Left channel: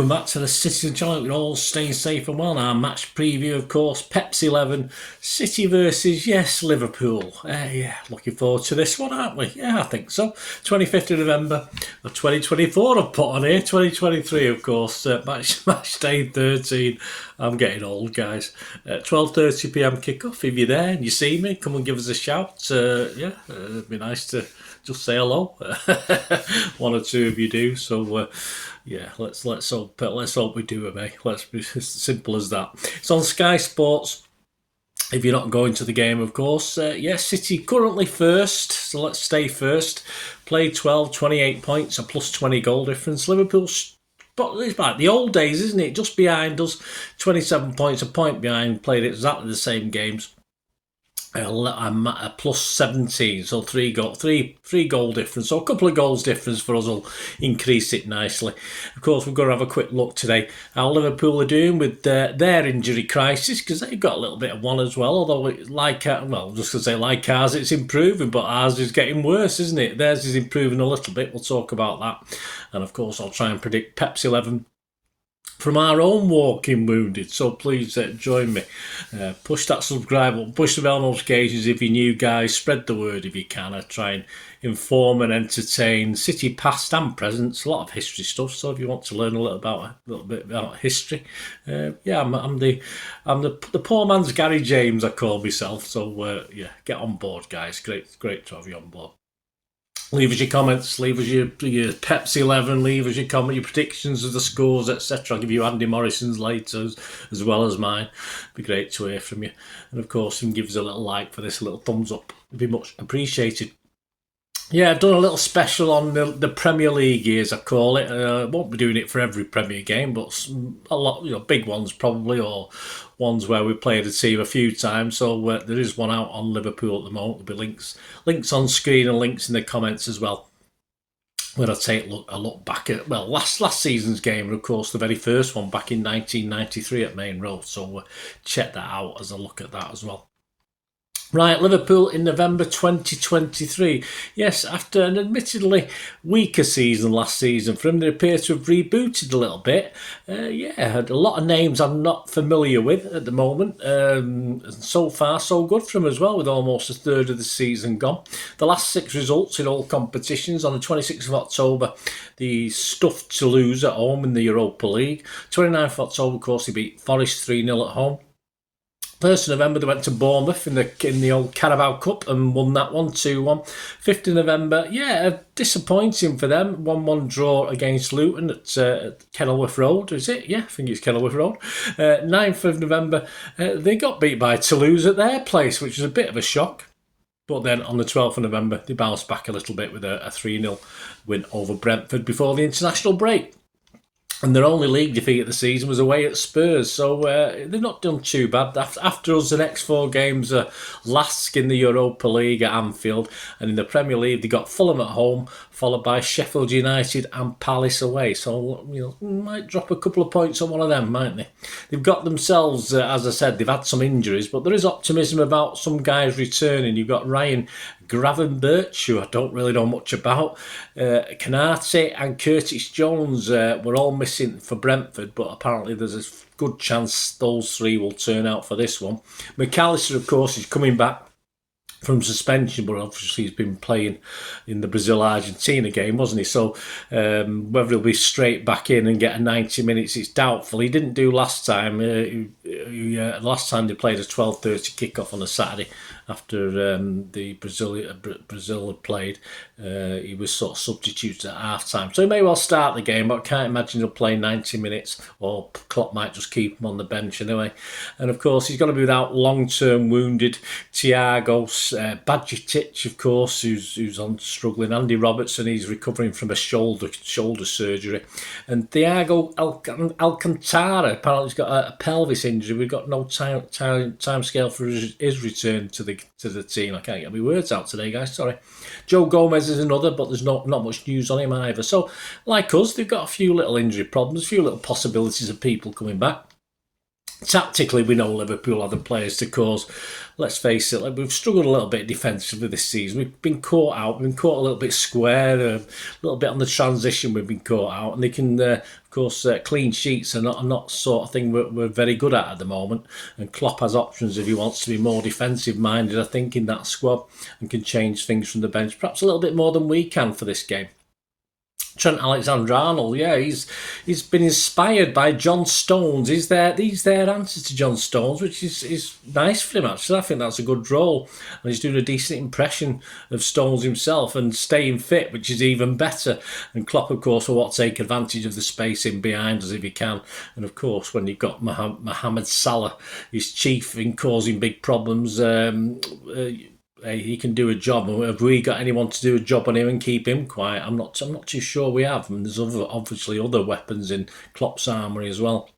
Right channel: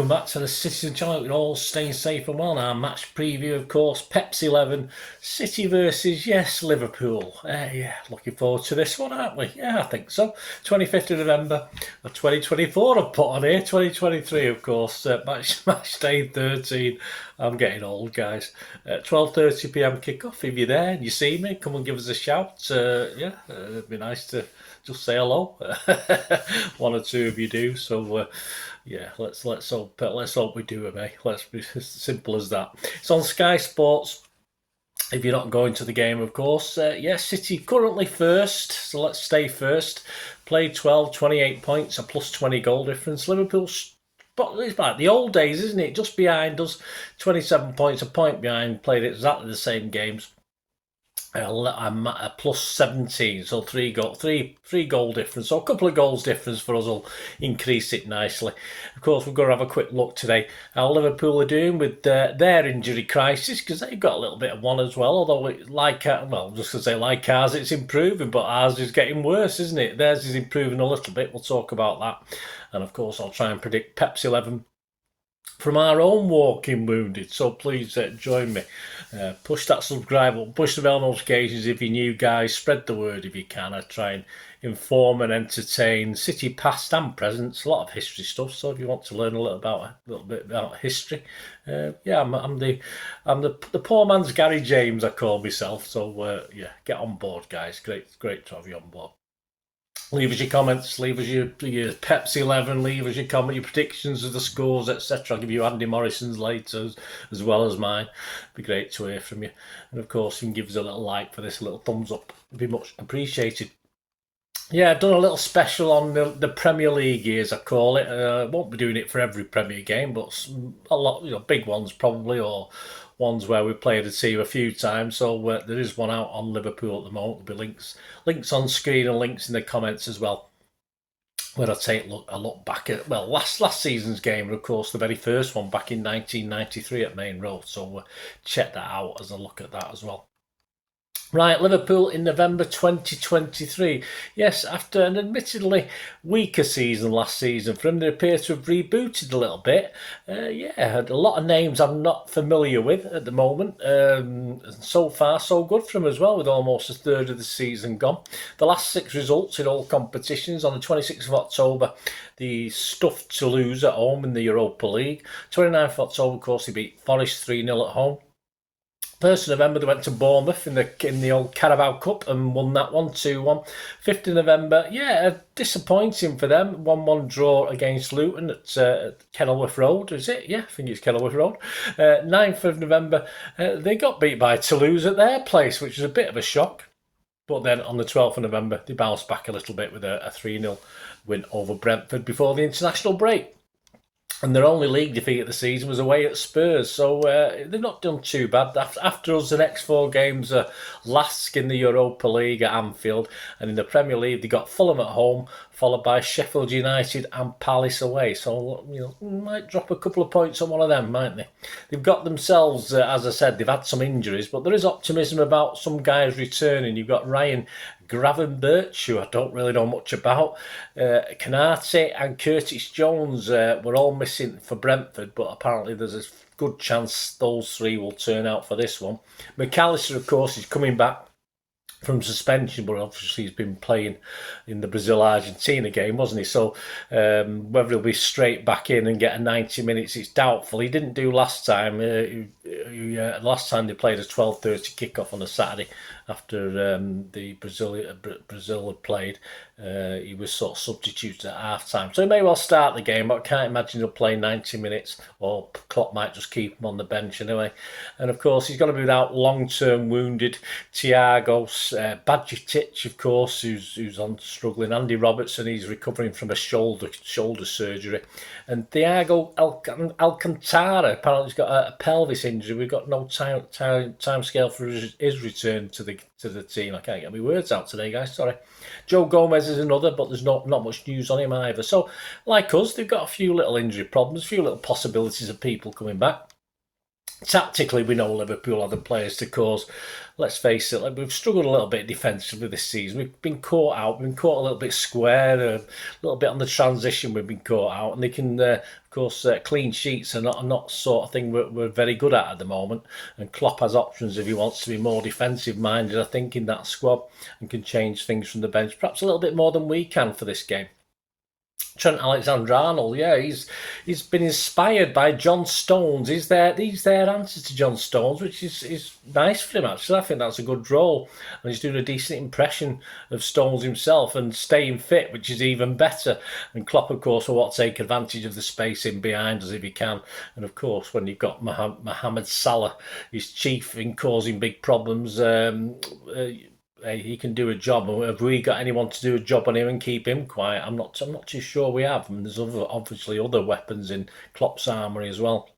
welcome back to the Citizen channel. You're all staying safe and well. Our match preview, of course, Pepsi 11, City versus, yes, Liverpool. Yeah, looking forward to this one, aren't we? Yeah, I think so. 25th of November of 2024, I've put on here. 2023, of course, match day 13. I'm getting old, guys. 12:30pm kickoff. If you're there and you see me, come and give us a shout. It'd be nice to just say hello. One or two of you do, so let's hope we do it, mate. Let's be as simple as that. It's on Sky Sports. If you're not going to the game, of course. City currently first, so let's stay first. Played 12, 28 points, a plus 20 goal difference. Liverpool's, but it's like the old days, isn't it? Just behind us, 27 points, a point behind. Played exactly the same games. I'm at a plus 17, so three goal difference. So a couple of goals difference for us will increase it nicely. Of course, we're going to have a quick look today how Liverpool are doing with their injury crisis, because they've got a little bit of one as well. Although, like ours, it's improving, but ours is getting worse, isn't it? Theirs is improving a little bit. We'll talk about that. And of course, I'll try and predict Pepsi 11 from our own walking wounded, so please join me. Push that subscribe button, push the bell notifications if you're new, guys. Spread the word if you can. I try and inform and entertain City past and present. It's a lot of history stuff, so if you want to learn a little bit about history, I'm the poor man's Gary James, I call myself. So get on board, guys. Great to have you on board. Leave us your comments, leave us your Pepsi 11, leave us your your predictions of the scores, etc. I'll give you Andy Morrison's later as well as mine. It'd be great to hear from you. And of course, you can give us a little like for this, a little thumbs up. It'd be much appreciated. Yeah, I've done a little special on the Premier League, as I call it. I won't be doing it for every Premier game, but a lot, big ones probably, or ones where we played a team a few times. So there is one out on Liverpool at the moment. There'll be links on screen and links in the comments as well. When I take a look back at last season's game, and of course the very first one back in 1993 at Main Road. So check that out as I look at that as well. Right, Liverpool in November 2023. Yes, after an admittedly weaker season last season for them, they appear to have rebooted a little bit. Had a lot of names I'm not familiar with at the moment. So far, so good for them as well, with almost a third of the season gone. The last 6 results in all competitions. On the 26th of October, the stuffed Toulouse at home in the Europa League. 29th of October, of course, they beat Forest 3-0 at home. 1st of November, they went to Bournemouth in the old Carabao Cup and won that one 2-1. 5th of November, disappointing for them. 1-1 draw against Luton at Kenilworth Road, is it? Yeah, I think it's Kenilworth Road. 9th of November, they got beat by Toulouse at their place, which was a bit of a shock. But then on the 12th of November, they bounced back a little bit with a 3-0 win over Brentford before the international break. And their only league defeat of the season was away at Spurs, so they've not done too bad. After us, the next 4 games are Lask in the Europa League at Anfield, and in the Premier League they got Fulham at home, followed by Sheffield United and Palace away. So might drop a couple of points on one of them, mightn't they? They've got themselves, as I said, they've had some injuries, but there is optimism about some guys returning. You've got Ryan Gravenberch, who I don't really know much about. Canate and Curtis Jones were all missing for Brentford, but apparently there's a good chance those 3 will turn out for this one. McAllister, of course, is coming back from suspension, but obviously he's been playing in the Brazil-Argentina game, wasn't he? So whether he'll be straight back in and get a 90 minutes, it's doubtful. He didn't do last time. Last time they played a 12:30 kickoff on a Saturday after the Brazil had played. He was sort of substituted at half-time. So he may well start the game, but I can't imagine he'll play 90 minutes, or Klopp might just keep him on the bench anyway. And of course, he's going to be without long-term wounded Thiago Bajkowski, of course, who's on struggling. Andy Robertson, he's recovering from a shoulder surgery. And Thiago Alcantara, apparently he's got a pelvis injury. We've got no time scale for his return to the team. I can't get my words out today, guys, sorry. Joe Gomez is another, but there's not much news on him either. So, like us, they've got a few little injury problems, a few little possibilities of people coming back. Tactically, we know Liverpool are the players to cause. Let's face it, like, we've struggled a little bit defensively this season. We've been caught out. We've been caught a little bit square, a little bit on the transition. We've been caught out, and they can, of course, clean sheets are not sort of thing we're very good at the moment. And Klopp has options if he wants to be more defensive minded, I think, in that squad, and can change things from the bench, perhaps a little bit more than we can for this game. Trent Alexander-Arnold, yeah, he's been inspired by John Stones. He's their answer to John Stones, which is nice for him, actually. I think that's a good role. And he's doing a decent impression of Stones himself and staying fit, which is even better. And Klopp, of course, will want to take advantage of the space in behind us if he can. And, of course, when you've got Mohamed Salah, his chief in causing big problems, he can do a job. And have we got anyone to do a job on him and keep him quiet? I'm not too sure we have. And there's obviously other weapons in Klopp's armoury as well.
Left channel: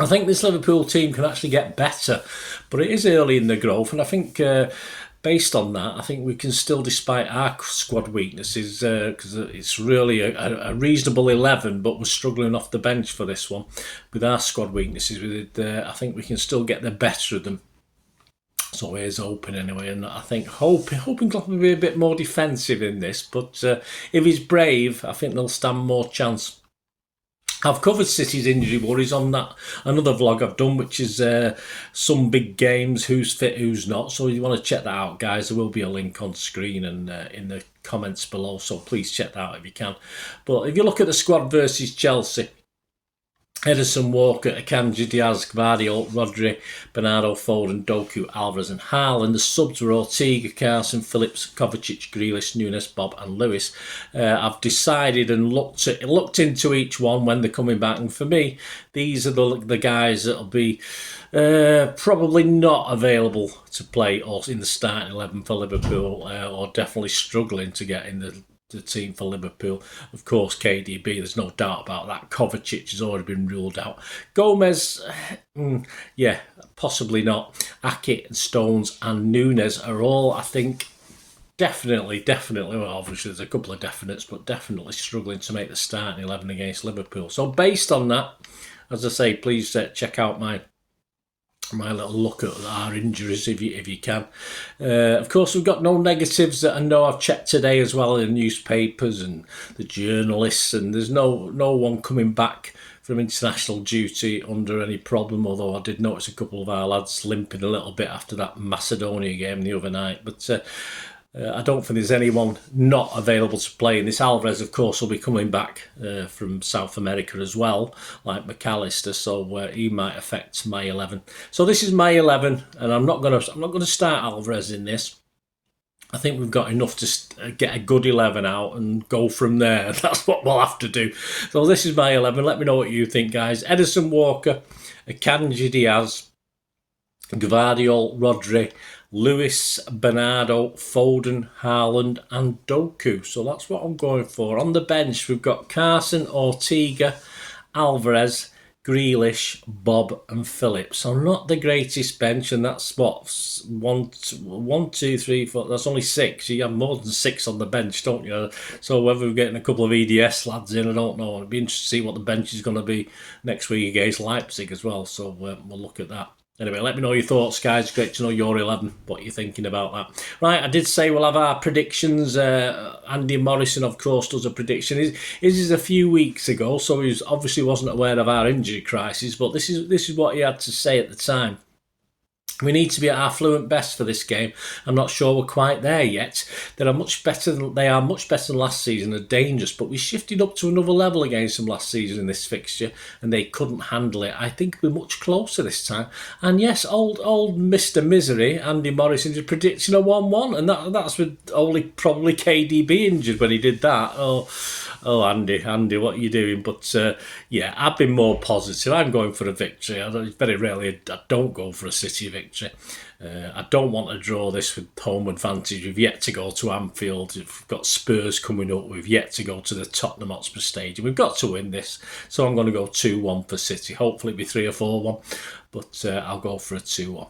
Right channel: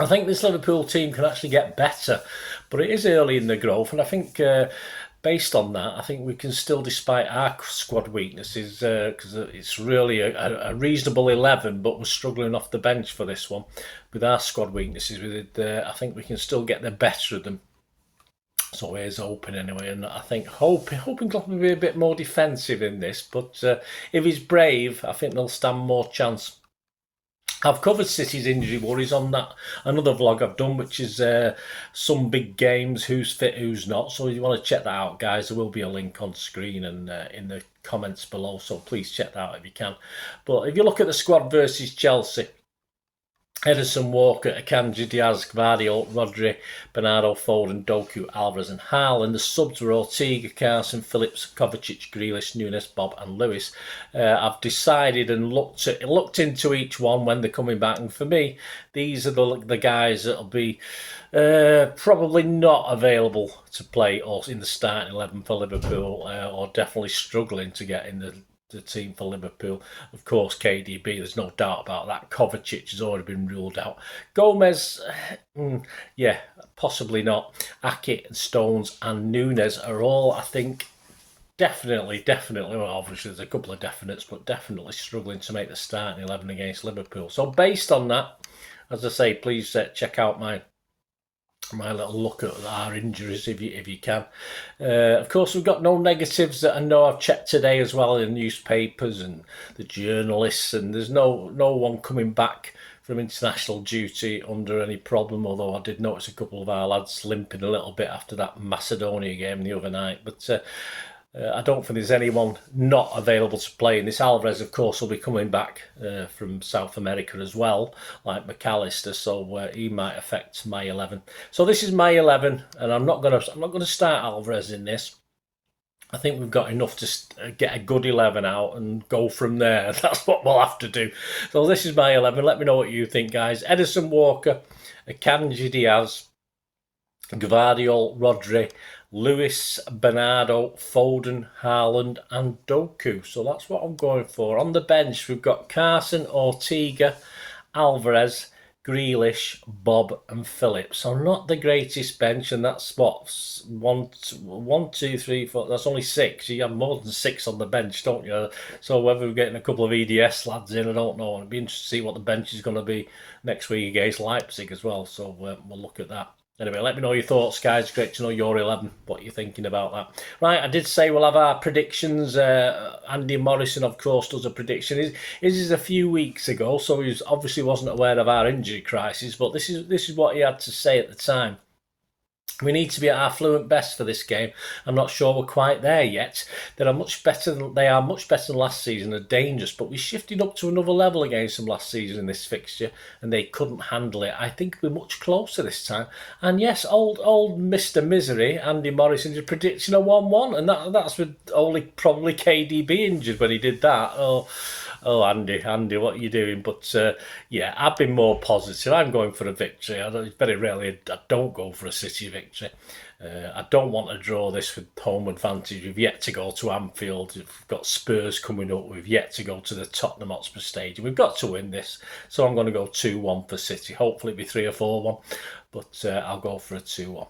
I think this Liverpool team can actually get better, but it is early in the growth, and I think based on that, I think we can still, despite our squad weaknesses, because it's really a reasonable 11, but we're struggling off the bench for this one. With our squad weaknesses, I think we can still get the better of them. So here's open anyway, and I think hoping Klopp will be a bit more defensive in this, but if he's brave, I think they'll stand more chance. I've covered City's injury worries on that another vlog I've done, which is some big games, who's fit, who's not. So if you want to check that out, guys, there will be a link on screen and in the comments below, so please check that out if you can. But if you look at the squad versus Chelsea, Ederson, Walker, Akanji, Diaz, Gvardiol, Rodri, Bernardo, Foden, Doku, Alvarez and Haaland. The subs were Ortega, Carson, Phillips, Kovacic, Grealish, Nunes, Bob and Lewis. I've decided and looked into each one when they're coming back, and for me, these are the guys that'll be probably not available to play or in the starting 11 for Liverpool, or definitely struggling to get in the team for Liverpool. Of course, KDB, there's no doubt about that. Kovacic has already been ruled out. Gomez, yeah, possibly not. Aki and Stones and Nunes are all, I think, definitely, well, obviously there's a couple of definites, but definitely struggling to make the starting 11 against Liverpool. So based on that, as I say, please check out my little look at our injuries if you can. Of course, we've got no negatives that I know I've checked today as well in newspapers and the journalists, and there's no one coming back from international duty under any problem, although I did notice a couple of our lads limping a little bit after that Macedonia game the other night. But I don't think there's anyone not available to play. And this Alvarez, of course, will be coming back from South America as well, like McAllister. So he might affect my 11. So this is my 11, and I'm not gonna start Alvarez in this. I think we've got enough to get a good 11 out and go from there. That's what we'll have to do. So this is my 11. Let me know what you think, guys. Ederson, Walker, Akanji, Diaz, Gvardiol, Rodri, Lewis, Bernardo, Foden, Haaland and Doku. So that's what I'm going for. On the bench, we've got Carson, Ortega, Alvarez, Grealish, Bob and Phillips. So not the greatest bench, and that's what, 1, 2, 3, 4, that's only 6. You have more than 6 on the bench, don't you? So whether we're getting a couple of EDS lads in, I don't know. It'd be interesting to see what the bench is going to be next week against Leipzig as well. So we'll look at that. Anyway, let me know your thoughts, guys. Great to know your 11, what you're thinking about that. Right, I did say we'll have our predictions. Andy Morrison, of course, does a prediction. His is a few weeks ago, so he obviously wasn't aware of our injury crisis, but this is what he had to say at the time. We need to be at our fluent best for this game. I'm not sure we're quite there yet. They are much better than last season. They're dangerous, but we shifted up to another level against them last season in this fixture, and they couldn't handle it. I think we're much closer this time. And yes, old Mr. Misery, Andy Morrison, is predicting a 1-1, and that's with only probably KDB injured when he did that. Oh, Andy, what are you doing? But yeah, I've been more positive. I'm going for a victory. Very rarely I don't go for a City victory. I don't want to draw this with home advantage. We've yet to go to Anfield. We've got Spurs coming up. We've yet to go to the Tottenham Hotspur Stadium. We've got to win this. So I'm going to go 2-1 for City. Hopefully it'll be 3 or 4-1. But I'll go for a 2-1.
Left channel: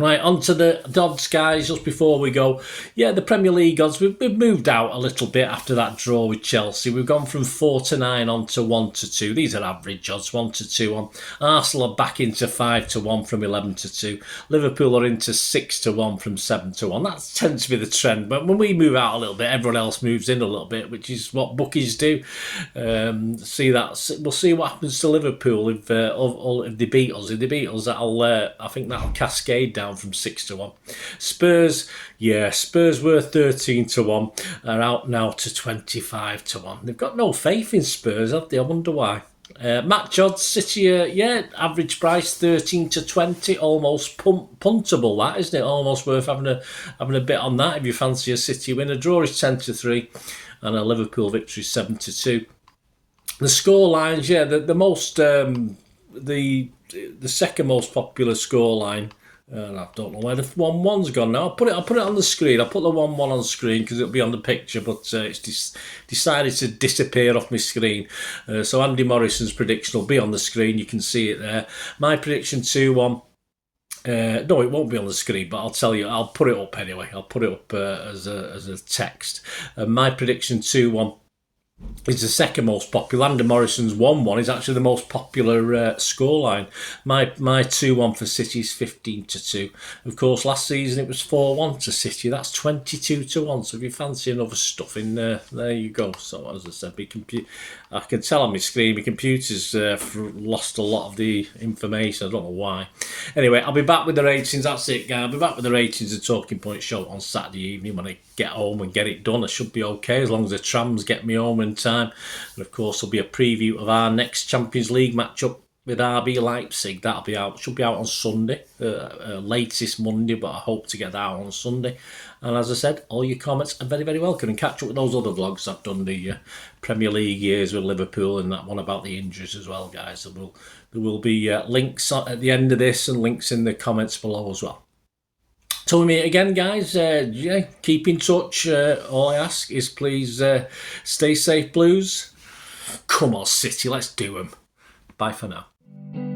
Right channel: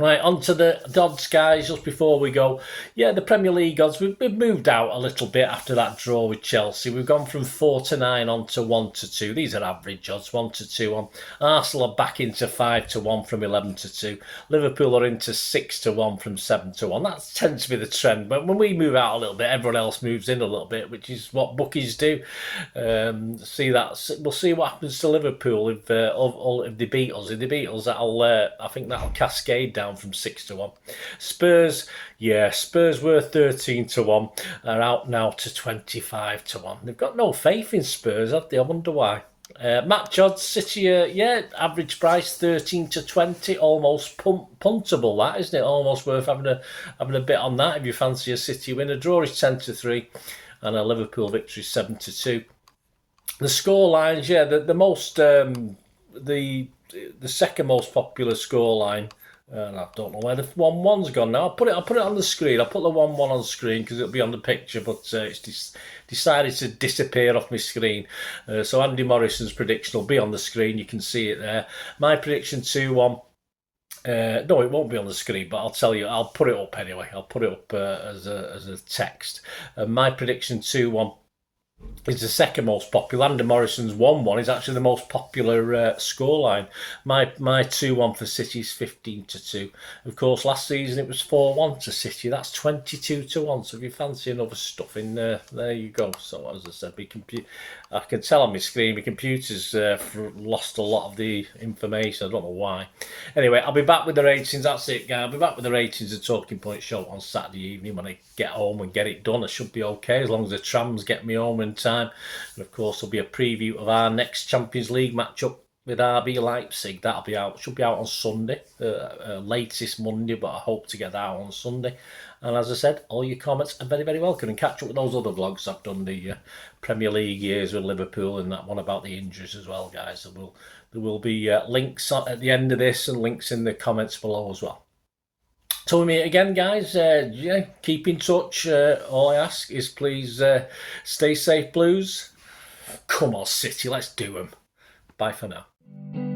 Right, on to the odds, guys, just before we go. Yeah, the Premier League odds, we've moved out a little bit after that draw with Chelsea. We've gone from 4 to 9 on to 1 to 2. These are average odds, 1 to 2 on. Arsenal are back into 5 to 1 from 11 to 2. Liverpool are into 6 to 1 from 7 to 1. That tends to be the trend. But when we move out a little bit, everyone else moves in a little bit, which is what bookies do. See that? We'll see what happens to Liverpool if they beat us. If they beat us, I think that'll cascade down from 6 to 1. Spurs were 13 to 1, are out now to 25 to 1. They've got no faith in Spurs, have they? I wonder why. Match odds, City, average price 13 to 20, almost puntable, that, isn't it? Almost worth having a bit on that if you fancy a City win. A draw is 10 to 3, and a Liverpool victory 7 to 2. The score lines, the most the second most popular score line. I don't know where the 1-1's gone now. I'll put it on the screen. I'll put the 1-1 on the screen because it'll be on the picture, but it's decided to disappear off my screen. So Andy Morrison's prediction will be on the screen. You can see it there. My prediction 2-1. No, it won't be on the screen, but I'll tell you. I'll put it up anyway. I'll put it up as a text. My prediction 2-1. Is the second most popular. Andy Morrison's 1-1 is actually the most popular scoreline. My 2-1 for City is 15 to 2. Of course, last season it was 4-1 to City. That's 22 to 1. So if you fancy another stuff in there, there you go. So as I said, I can tell on my screen, my computer's lost a lot of the information. I don't know why. Anyway, I'll be back with the ratings. That's it, guys. I'll be back with the ratings of Talking Point Show on Saturday evening when I get home and get it done. I should be okay as long as the trams get me home in time. And of course, there'll be a preview of our next Champions League matchup with RB Leipzig. That'll be out. Should be out on Sunday, latest Monday, but I hope to get that out on Sunday. And as I said, all your comments are very, very welcome. And catch up with those other vlogs I've done, the Premier League years with Liverpool and that one about the injuries as well, guys. There will be links at the end of this and links in the comments below as well. Till we meet again, guys, keep in touch. All I ask is please stay safe, Blues. Come on, City, let's do them. Bye for now.